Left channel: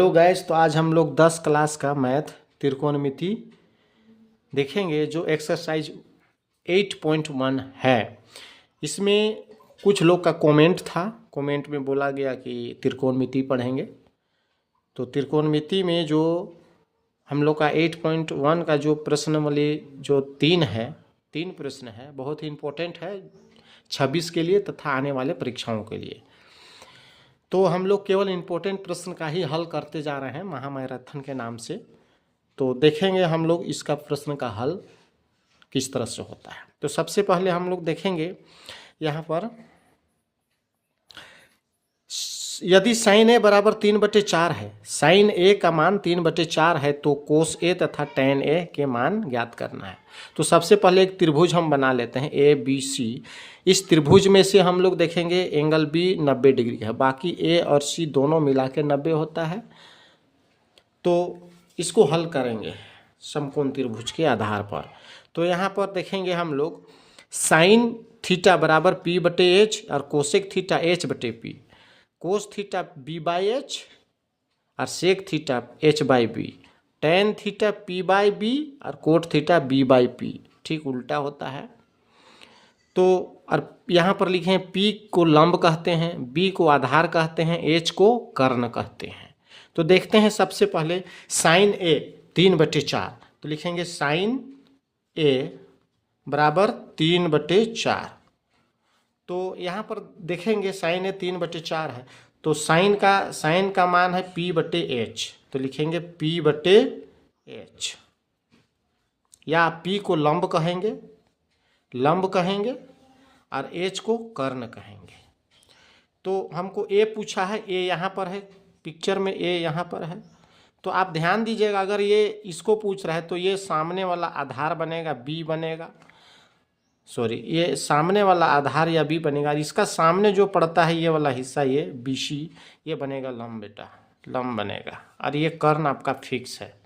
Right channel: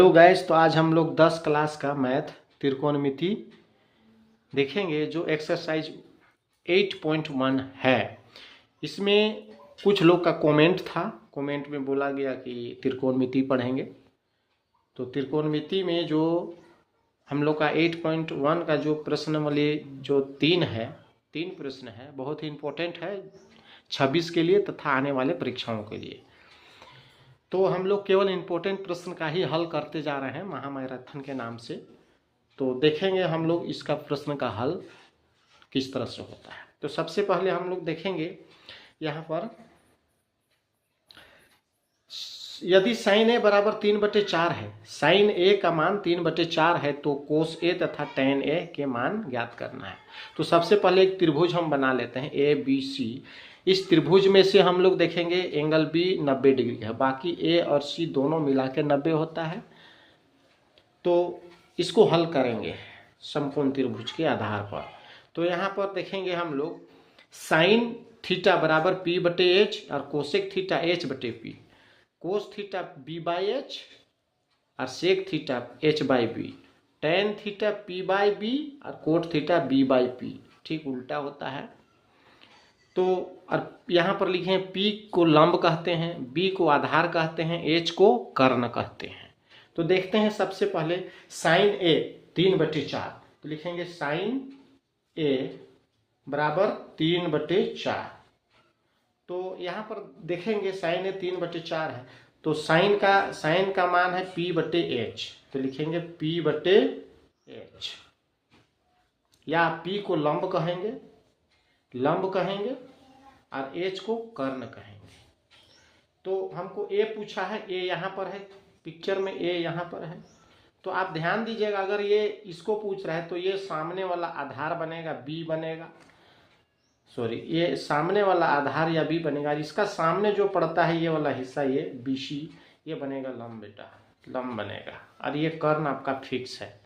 Hello guys, तो आज हम लोग 10 क्लास का मैथ त्रिकोणमिति देखेंगे जो एक्सरसाइज 8.1 है। इसमें कुछ लोग का कमेंट था, कमेंट में बोला गया कि त्रिकोणमिति पढ़ेंगे। तो त्रिकोणमिति में जो हम लोग का 8.1 का जो प्रश्न वाले जो तीन प्रश्न है, बहुत ही इम्पोर्टेंट है 26 के लिए तथा आने वाले परीक्षाओं के लिए। तो हम लोग केवल इम्पोर्टेंट प्रश्न का ही हल करते जा रहे हैं महामैराथन के नाम से। तो देखेंगे हम लोग इसका प्रश्न का हल किस तरह से होता है। तो सबसे पहले हम लोग देखेंगे यहाँ पर, यदि साइन ए बराबर 3/4 है, साइन ए का मान 3/4 है, तो कोस ए तथा टैन ए के मान ज्ञात करना है। तो सबसे पहले एक त्रिभुज हम बना लेते हैं ए बी सी। इस त्रिभुज में से हम लोग देखेंगे एंगल बी 90 डिग्री है, बाकी ए और सी दोनों मिला के 90 होता है। तो इसको हल करेंगे समकोण त्रिभुज के आधार पर। तो यहाँ पर देखेंगे हम लोग साइन थीटा बराबर p/h और cosec theta h/p, cos theta b/h और sec theta h/b, tan theta p/b और कोट थीटा b/p, ठीक उल्टा होता है। तो और यहाँ पर लिखे हैं P को लंब कहते हैं, B को आधार कहते हैं, H को कर्ण कहते हैं। तो देखते हैं सबसे पहले साइन A 3/4। तो लिखेंगे साइन A बराबर 3/4। तो यहाँ पर देखेंगे साइन A 3/4 है, तो साइन का मान है P/H। तो लिखेंगे P/H, या P को लंब कहेंगे और H को कर्ण कहेंगे। तो हमको A पूछा है, A यहाँ पर है पिक्चर में, A यहाँ पर है। तो आप ध्यान दीजिएगा, अगर ये इसको पूछ रहा है तो ये सामने वाला आधार बनेगा B बनेगा, सॉरी ये सामने वाला आधार या B बनेगा। इसका सामने जो पड़ता है ये वाला हिस्सा, ये BC, ये बनेगा लंब, बेटा लंब बनेगा। और ये कर्ण आपका फिक्स है।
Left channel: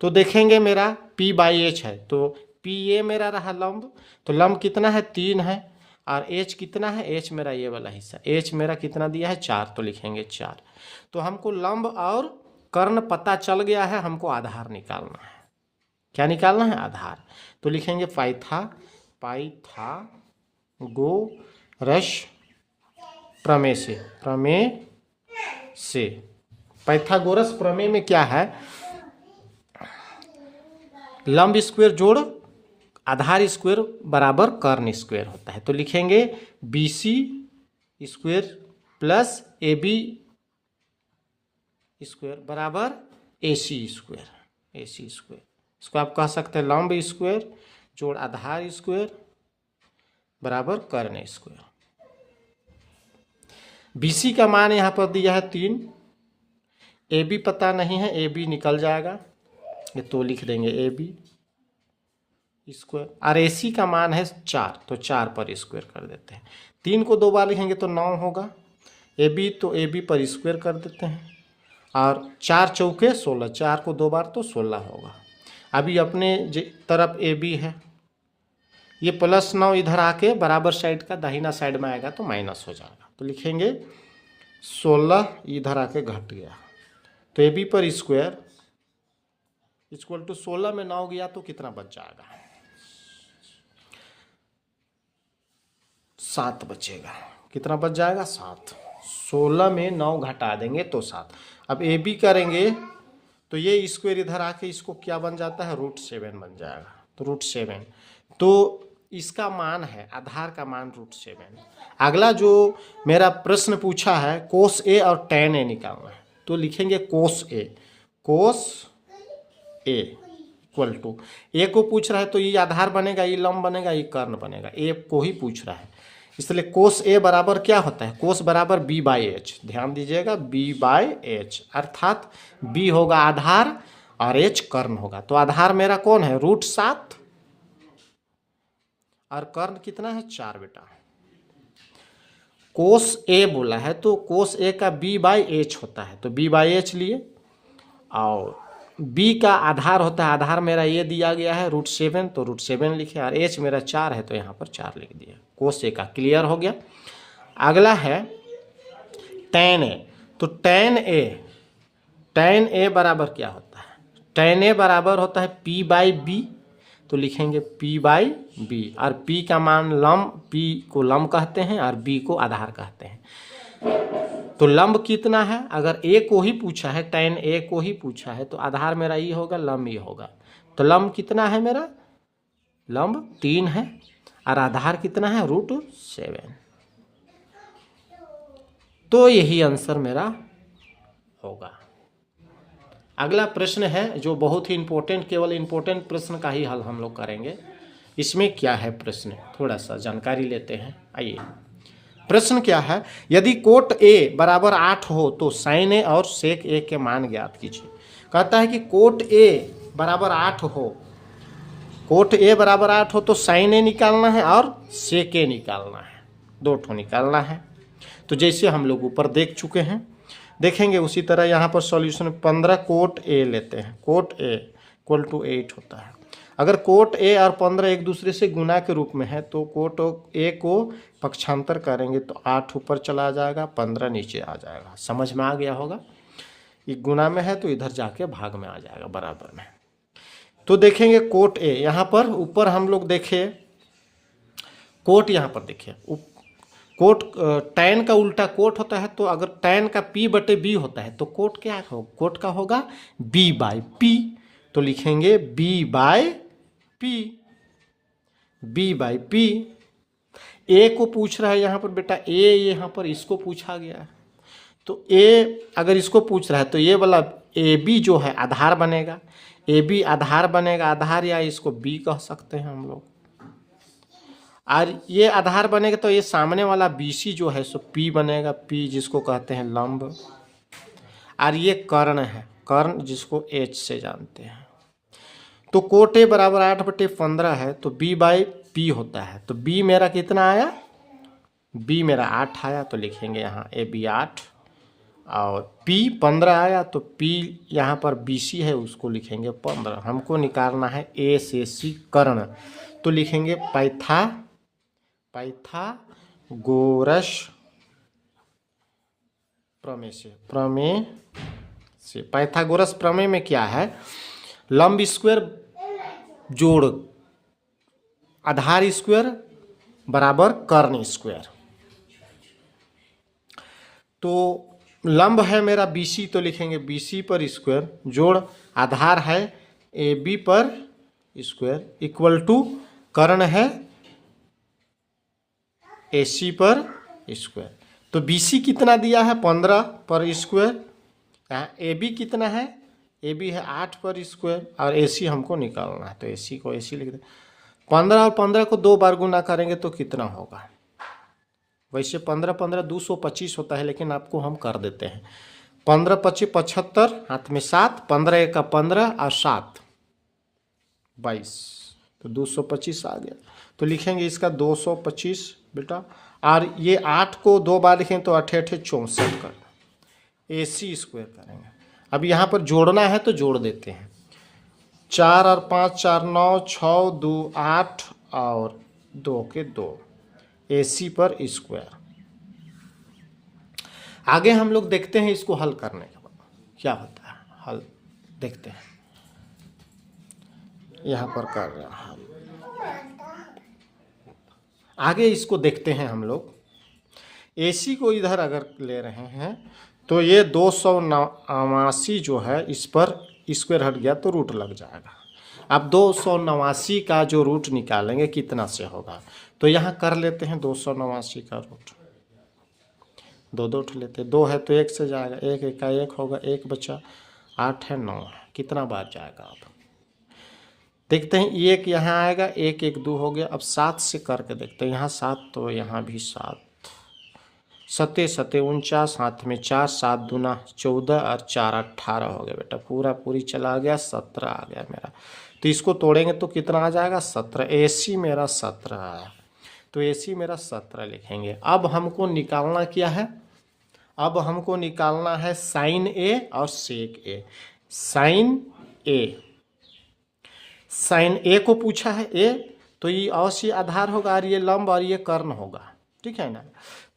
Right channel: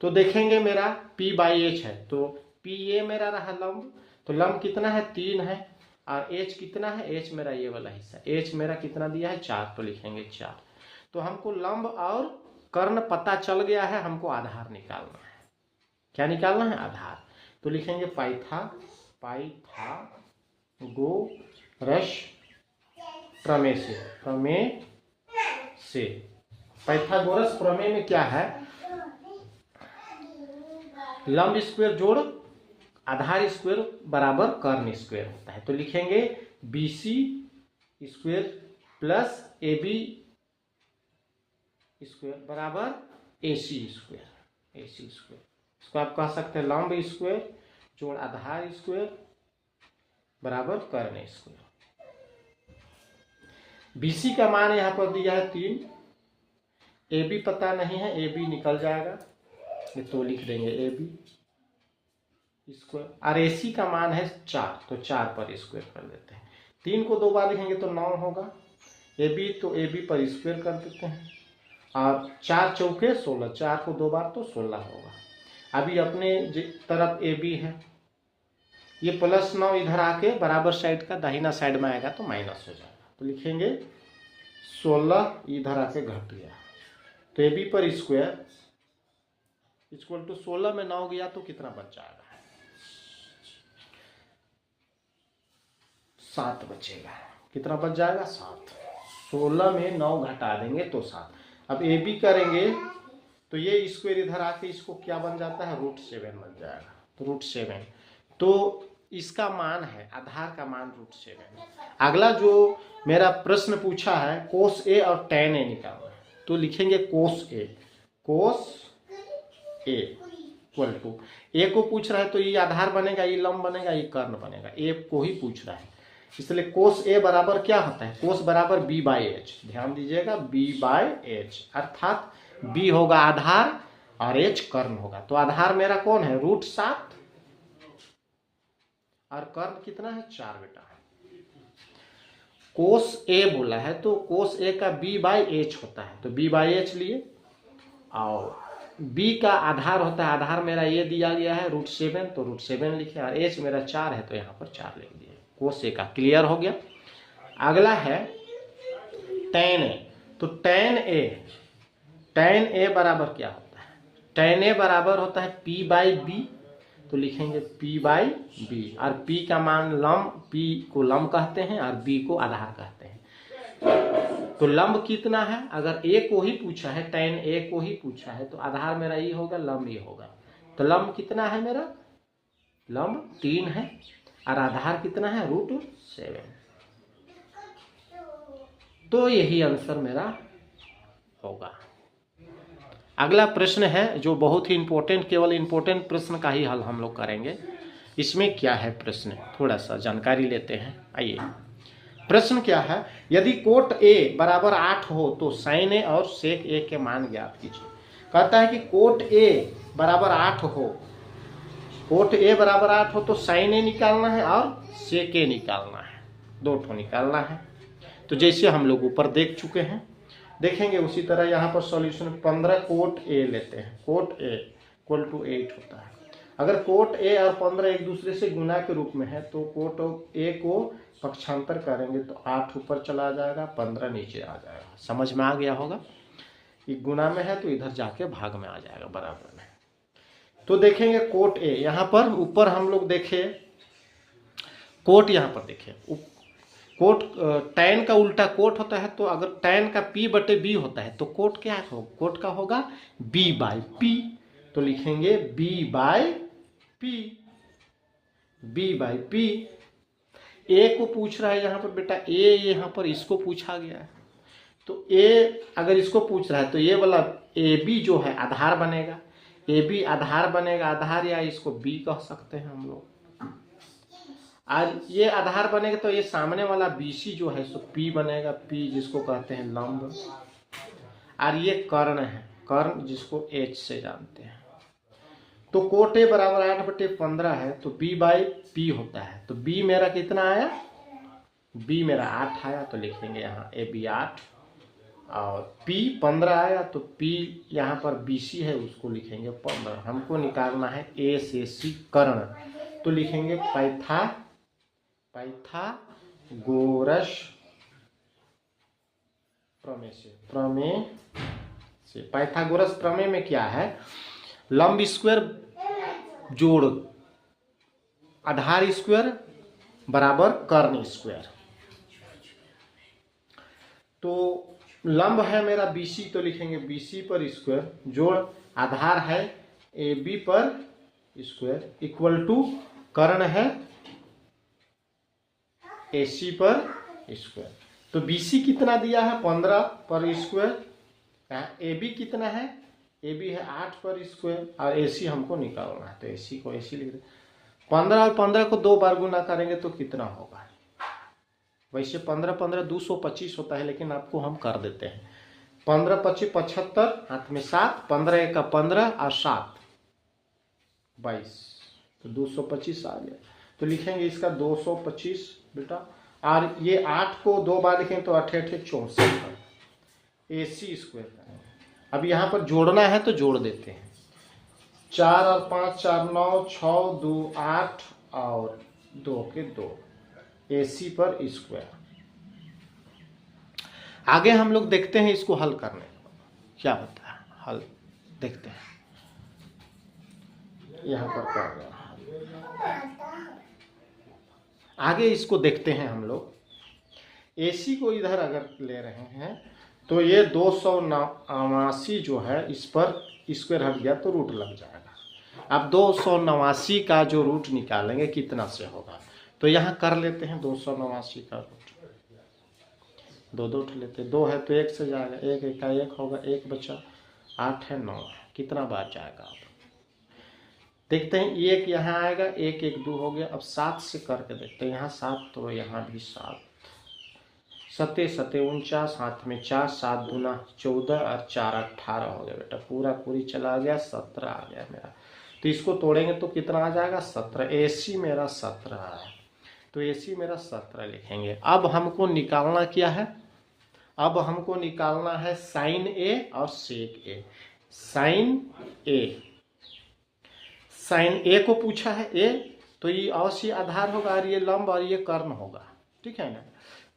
तो देखेंगे मेरा P/H है, तो P ये मेरा रहा लंब। तो लंब कितना है 3 है, और H कितना है, H मेरा ये वाला हिस्सा, H मेरा कितना दिया है 4। तो लिखेंगे 4। तो हमको लंब और कर्ण पता चल गया है, हमको आधार निकालना है। क्या निकालना है? आधार। तो लिखेंगे पाइथागोरस प्रमेय से। पाइथागोरस प्रमेय में क्या है, लंब स्क्वायर जोड़ आधार स्क्वायर बराबर कर्ण स्क्वायर होता है। तो लिखेंगे BC square plus AB square बराबर AC स्क्वायर। इसको आप कह सकते हैं लंब स्क्वायर जोड़ आधार स्क्वायर बराबर कर्ण स्क्वायर। BC का मान यहाँ पर दिया है 3, AB पता नहीं है, AB निकल जाएगा, ये तो लिख देंगे AB स्क्वायर। और AC का मान है 4, तो 4 पर स्क्वायर कर देते हैं। 3 को 2 बार लिखेंगे तो 9 होगा। AB तो AB पर स्क्वायर कर देते हैं, और 4 चौके 16, 4 को 2 बार तो 16 होगा। अभी अपने तरफ AB है, ये +9 इधर आके बराबर साइड का दाहिना साइड में आएगा तो माइनस हो जाएगा। तो लिखेंगे 16 इधर आके घट गया, तो AB पर स्क्वायर इक्वल टू 16 में 9 गया तो कितना बच जाएगा, 7 बचेगा। कितना बच जाएगा? 7। 16 में 9 घटा देंगे तो 7। अब AB करेंगे तो ये स्क्वायर इधर आके इसको क्या बन जाता है, √7 बन जाएगा। तो √7, तो इसका मान है, आधार का मान √7। अगला जो मेरा प्रश्न पूछा है कोस A और टैन A निकालना है। तो लिखेंगे कोस A इक्वल टू, A को पूछ रहा है तो ये आधार बनेगा, ये लंब बनेगा, ये कर्ण बनेगा, A को ही पूछ रहा है, इसलिए कोस A बराबर क्या होता है, कोस बराबर B/H। ध्यान दीजिएगा B/H, अर्थात B होगा आधार और H कर्ण होगा। तो आधार मेरा कौन है, √7, और कर्ण कितना है 4 बेटा। कोस A बोला है तो कोस A का B/H होता है, तो B/H लिए, और B का आधार होता है, आधार मेरा ये दिया गया है √7, तो √7 लिखे, और H मेरा 4 है तो यहाँ पर 4 लिख दिया। कोस A का क्लियर हो गया। अगला है टैन A। तो टैन A tan a बराबर क्या होता है? tan a बराबर होता है p बाई बी, तो लिखेंगे p बाई बी, और p का मान लंब, p को लंब कहते हैं और b को आधार कहते हैं। तो लंब कितना है? अगर a को ही पूछा है, tan a को ही पूछा है, तो आधार मेरा ये होगा, लंब ये होगा। तो लंब कितना है मेरा? लंब 3 है, और आधार कितना है? √7। तो यही आंसर मेरा होगा। अगला प्रश्न है जो बहुत ही इंपॉर्टेंट, केवल इंपॉर्टेंट प्रश्न का ही हल हम लोग करेंगे। इसमें क्या है प्रश्न, थोड़ा सा जानकारी लेते हैं। आइए, प्रश्न क्या है? यदि कोट a बराबर 8 हो तो साइन a और सेक a के मान ज्ञात कीजिए। कहता है कि कोट a बराबर 8 हो, कोट a बराबर 8 हो तो साइन a निकालना है और सेक a निकालना है, दो ठो निकालना है। तो जैसे हम लोग ऊपर देख चुके हैं, देखेंगे उसी तरह यहाँ पर सॉल्यूशन 15 कोट a लेते हैं। कोट a इक्वल टू 8 होता है। अगर कोट a और 15 एक दूसरे से गुना के रूप में है तो कोट a को पक्षांतर करेंगे तो 8 ऊपर चला जाएगा, 15 नीचे आ जाएगा। समझ में आ गया होगा? ये गुना में है तो इधर जाके भाग में आ जाएगा, बराबर में। तो देखेंगे कोट a, यहाँ पर ऊपर हम लोग देखे कोट, यहाँ पर देखिए कोट, टैन का उल्टा कोट होता है, तो अगर टैन का p बटे b होता है तो कोट क्या हो? कोट का होगा b बाई p। तो लिखेंगे b by p, b by p। a को पूछ रहा है यहाँ पर बेटा, a यहाँ पर इसको पूछा गया है, तो a अगर इसको पूछ रहा है तो ये वाला ab जो है आधार बनेगा, ab आधार बनेगा, आधार या इसको b कह सकते हैं हम लोग। और ये आधार बनेगा तो ये सामने वाला BC जो है सो P बनेगा, P जिसको कहते हैं लंब। और ये कर्ण है, कर्ण जिसको H से जानते हैं। तो कोट A बराबर 8/15 है तो B बाई P होता है। तो B मेरा कितना आया? B मेरा 8 आया, तो लिखेंगे यहाँ AB 8, और P 15 आया, तो P यहाँ पर BC है उसको लिखेंगे 15। हमको निकालना है A से C कर्ण, तो लिखेंगे पाइथागोरस प्रमेय से। पाइथागोरस प्रमेय में क्या है? लंब स्क्वायर जोड़ आधार स्क्वायर बराबर कर्ण स्क्वायर। तो लंब है मेरा BC, तो लिखेंगे BC पर स्क्वायर जोड़ आधार है AB पर स्क्वायर इक्वल टू कर्ण है AC पर स्क्वायर। तो BC कितना दिया है? 15 पर स्क्वायर। AB कितना है? AB है 8 पर स्क्वायर, और AC हमको निकालना है, तो AC को AC लिख दे। 15 और 15 को 2 बार गुना करेंगे तो कितना होगा? वैसे 15 225 होता है, लेकिन आपको हम कर देते हैं 15 25 75, हाथ में 7, 15 1 15 और 7 22, तो 225 आ गया। तो लिखेंगे इसका 225 बेटा, और ये 8 को 2 बार लिखें तो 8 8 64 कर AC स्क्वायर करेंगे। अब यहाँ पर जोड़ना है तो जोड़ देते हैं, 4 और 5 4 9 6 2 8 और 2 के 2 AC पर स्क्वायर। आगे हम लोग देखते हैं इसको हल करने के बाद क्या होता है, हल देखते हैं। यहाँ पर कर रहा है आगे इसको देखते हैं हम लोग। AC को इधर अगर ले रहे हैं तो ये 289 जो है इस पर स्क्वायर हट गया तो रूट लग जाएगा। अब 289 का जो रूट निकालेंगे कितना से होगा, तो यहाँ कर लेते हैं 289 का रूट, दो दो लेते, 2 है तो 1 से जाएगा, 1 1 का 1 होगा, 1 बचा, 8 है 9 है, कितना बार जाएगा? अब देखते हैं, 1 यहाँ आएगा, 1 1 2 हो गया। अब 7 से करके देखते हैं, यहाँ 7 तो यहाँ भी 7, 7 7 49, हाथ में 4, 7 दूना 14 और 4 18 हो गया बेटा, पूरा पूरी चला गया, 17 आ गया मेरा। तो इसको तोड़ेंगे तो कितना आ जाएगा? 17। AC मेरा 17 आया, तो AC मेरा 17 लिखेंगे। अब हमको निकालना क्या है? अब हमको निकालना है साइन A और सेक A। साइन A को पूछा है A, तो ये अवश्य आधार होगा और ये लंब और ये कर्ण होगा, ठीक है ना।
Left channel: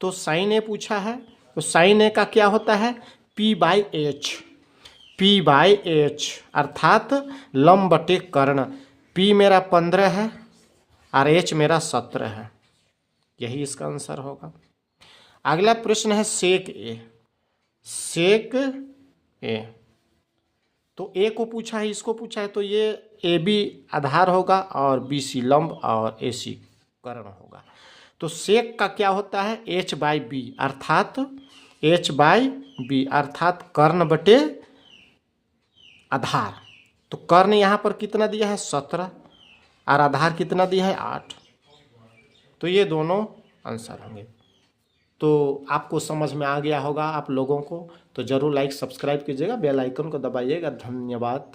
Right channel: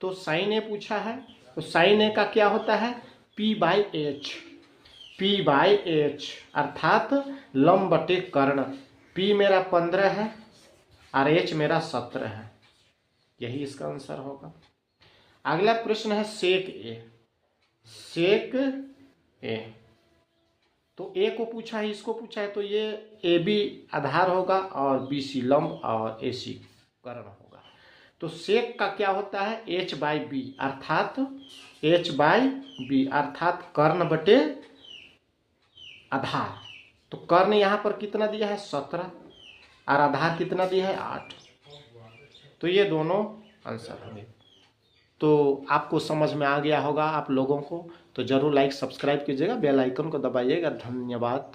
तो साइन A पूछा है, तो साइन A का क्या होता है? P/H। P/H अर्थात लंब बटे कर्ण। P मेरा 15 है और H मेरा 17 है, यही इसका आंसर होगा। अगला प्रश्न है सेक ए। सेक ए, तो ए को पूछा है, इसको पूछा है, तो ये ए बी आधार होगा और बी सी लंब और ए सी कर्ण होगा। तो सेक का क्या होता है, H/B अर्थात H/B अर्थात कर्ण बटे आधार। तो कर्ण यहाँ पर कितना दिया है 17 और आधार कितना दिया है 8, तो ये दोनों आंसर होंगे। तो आपको समझ में आ गया होगा आप लोगों को, तो ज़रूर लाइक सब्सक्राइब कीजिएगा, बेल आइकन को दबाइएगा। धन्यवाद।